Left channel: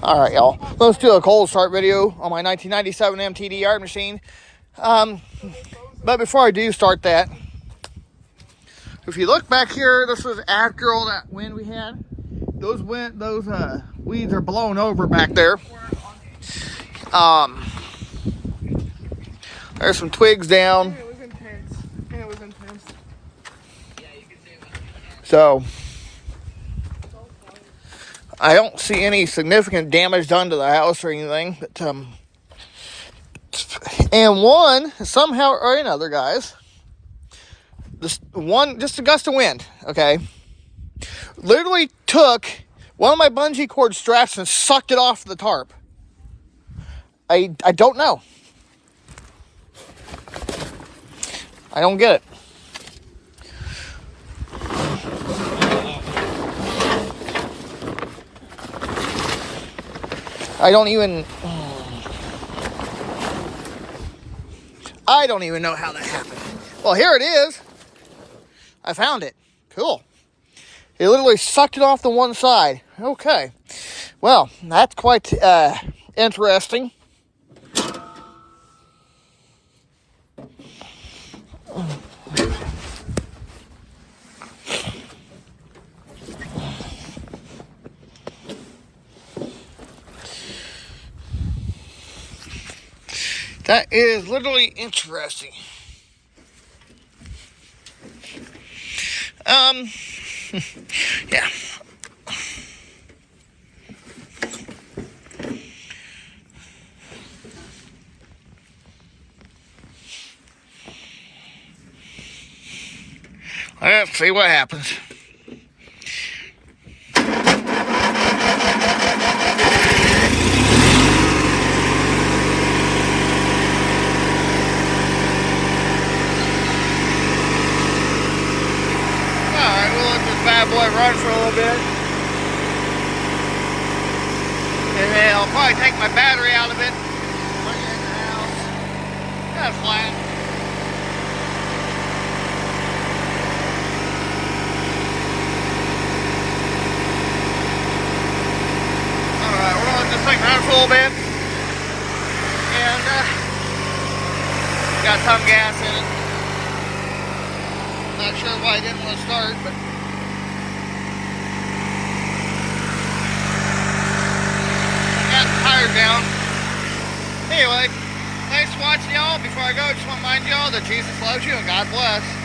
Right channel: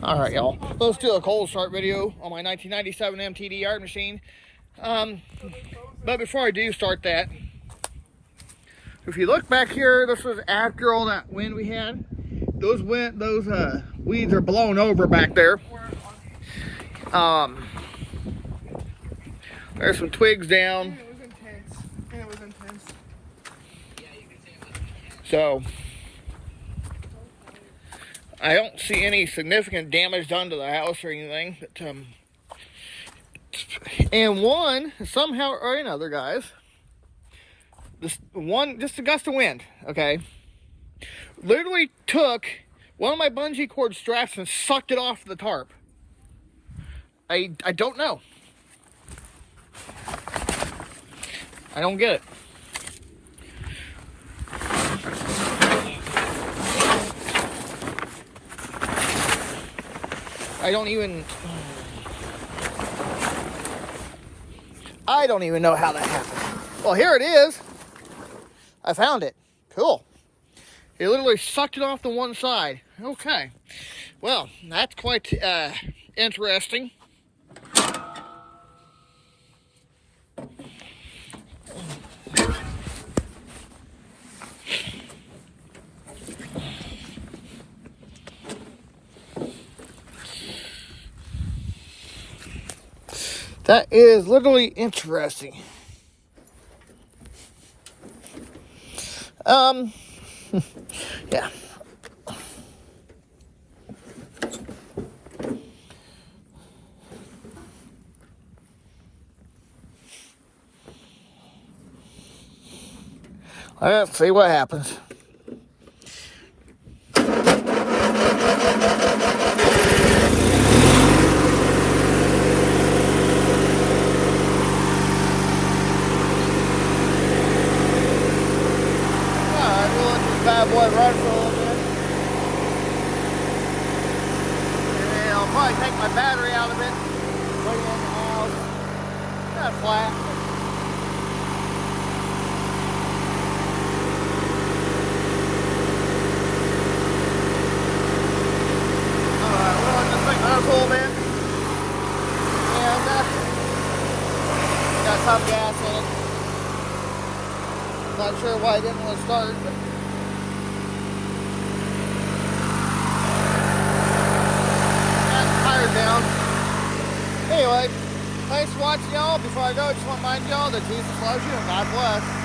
All right, y'all. Let's do a cold start video on my 1997 MTD yard machine. But before I do start that, if you look back here, this was after all that wind we had. Those weeds are blown over back there. There's some twigs down. It was intense. It was intense. So I don't see any significant damage done to the house or anything. But and one, somehow or another, guys, just a gust of wind, okay, literally took one of my bungee cord straps and sucked it off the tarp. I don't know. I don't get it. I don't even know how that happened. Well, here it is. I found it. Cool. It literally sucked it off the one side. Okay. Well, that's quite interesting. That is literally interesting. Yeah. Let's see what happens. Alright, we'll let this bad boy run for a little bit. And then I'll probably take my battery out of it. Bring it in the house. Kind of flat. Alright, we'll let this thing run for a little bit. And got some gas in it. Not sure why I didn't want to start, but got the tires down. Anyway, thanks for watching, y'all. Before I go, I just want to remind y'all that Jesus loves you and God bless.